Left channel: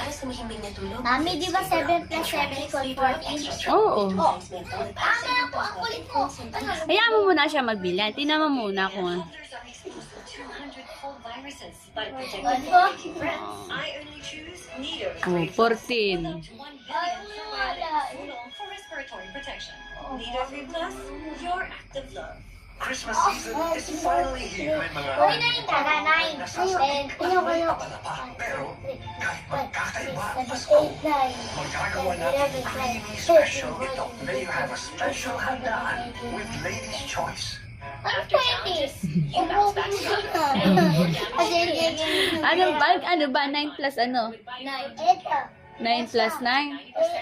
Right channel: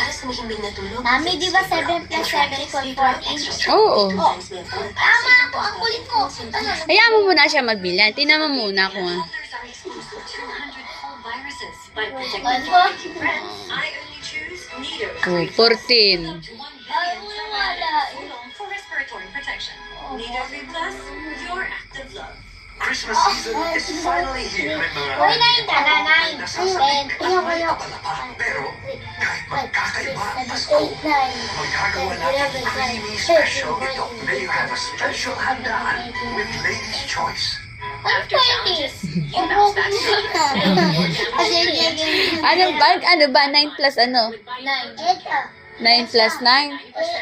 Para sa mahimbing na tulog. Mami, di ba 7 plus 7 equals 14? Oo. Tama po, ang kulit ko. Hayaan mo muna siya magbilan. Tingnan mo muna kung ano. Mothers are exposed to 200 whole viruses. But protecting friends, I only choose Nido. Oh, 14. Up to 1 billion cell Oolong for respiratory protection. Nido Plus, your active love. Christmas season is finally here. Mga Uy, nine ka na, nine. Ten. Pero kahit magkakaiba ang Pasko, ten, natin twelve, special ito. May you have a special handaan with Lady's Choice. Ano 20? You bounce back Ano ba? Ano ba? 9 plus ano? Nine. Ito. 9 plus 9?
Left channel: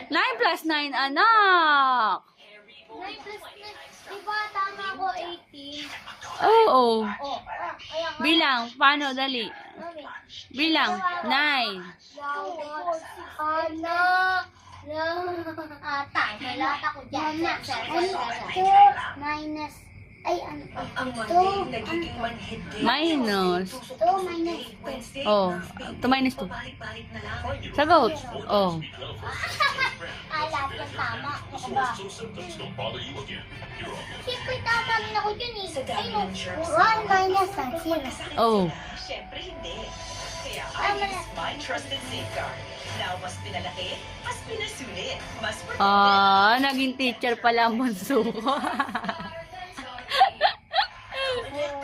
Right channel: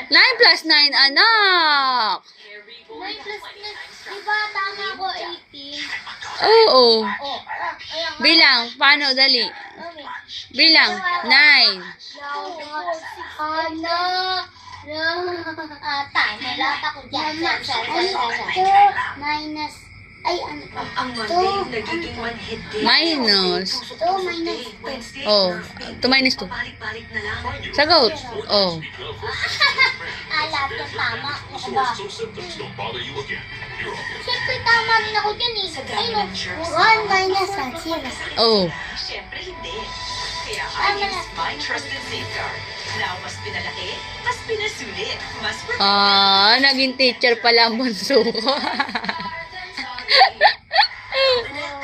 9 plus 9, anak! Nine plus nine. Diba tama ko 18? Oo. Bilang. Paano? Dali. Bilang. 9. Ano? Ah, time. Nalata ko dyan. Minus, ay ano din. Minus. two minus Oh. 2 minus 2. balik-balik na lang. Sagot. Oh. Ah, lahat yan tama. Ano ba? Oh. Siyempre hindi. Kaya I use my trusted safeguard. Now, mas pinalaki, mas pinasulit, mas protected. Ah, naging teacher pala ang bunso ko.